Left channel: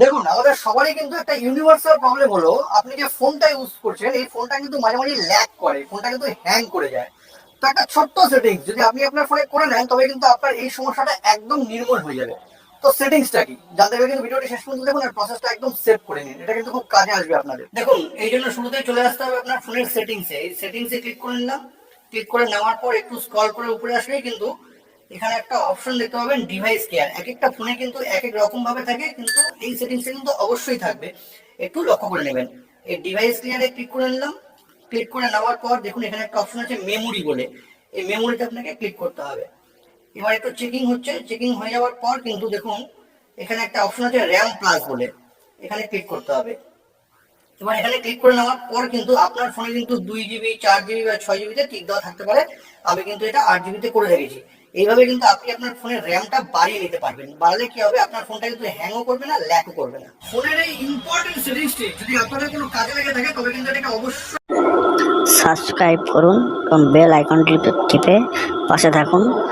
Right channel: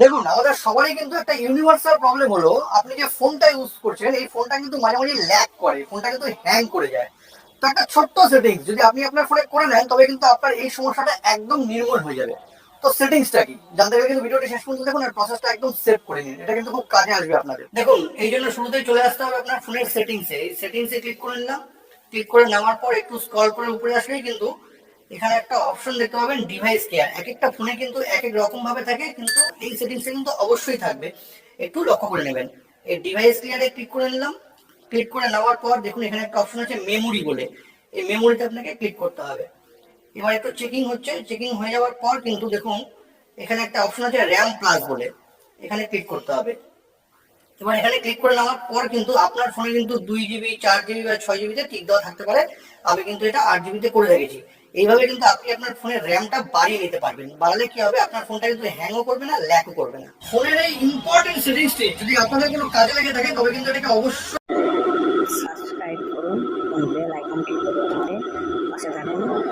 দেখুন, আমাদের সবারই কিন্তু একটা ইউনিভার্সাল প্রবলেম হলো, আপনি যে ফোনটা ইউজ করছেন এই ফোনটা কিন্তু মাঝে মাঝে ল্যাগ করে, ফোনটা কিন্তু হ্যাং করে যায়। তো একটা ছোট্ট সেটিংস যদি আপনি আপনার ফোনে করে নেন তবে কিন্তু আপনার এই সমস্যাটা একদম নির্মূল হয়ে যাবে। তো সেটিংসটা কি জানতে গেলে কিন্তু ভিডিওটি শেষ পর্যন্ত দেখুন আর প্রসেসটা একদম সেভ করে নিন, এটা কিন্তু খুব কাজে আসবে আপনাদের। দেখুন, এই জন্য শুরুতেই চলে আসতে হবে আপনার ফোনের সেটিংসে। এই সেটিংসে ক্লিক করে নিলাম। ক্লিক করে নেওয়ার পর একটু স্ক্রল করে উপরে আসলেই কিন্তু এখানে একটা অপশন দেখতে পাবেন ডিভাইস কেয়ার। এক একটা ফোনে কিন্তু এক এক রকম ভাবে থাকে, কিন্তু এই সেটিংসটা কিন্তু অবশ্যই থাকবে, একটু লক্ষ্য করে নেবেন। এই ডিভাইস কেয়ারে ক্লিক করে নিলাম। ক্লিক করে নেওয়ার পর দেখুন এখানে একটা অপশন আছে মেমোরি বলে, এই মেমোরিতে আপনাকে ক্লিক করতে হবে। এবার একটু চেকিং হচ্ছে, চেকিং হয়ে যাওয়ার পর কিন্তু দেখুন এখানে একটা অপশন আছে র্যাম প্লাস বলে, এখানে ক্লিক করতে হবে। এবার এখানে ক্লিক করে নেওয়ার পর কিন্তু আপনার ফোনে কিন্তু 2 GB 4 GB বা 6 GB টিক দেওয়া থাকতে পারে। আমি কিন্তু এটা 8 GB করে রেখেছি। এইভাবে কিন্তু আপনি আপনার ফোনের র্যামটা বাড়িয়ে নিতে পারবেন। বাড়ালে কি হবে, আপনার ফোনটা কিন্তু হ্যাংও করবে না, ল্যাকও করবে না। ফোনের এই ইম্পর্টেন্ট সেটিংসটি যদি আপনাদের কোনো কাজে লেগে থাকে তবে কিন্তু এটাকে অবশ্যই সাবস্ক্রাইব করুন এবং বেল আইকনটি টিপে পাশে থাকুন।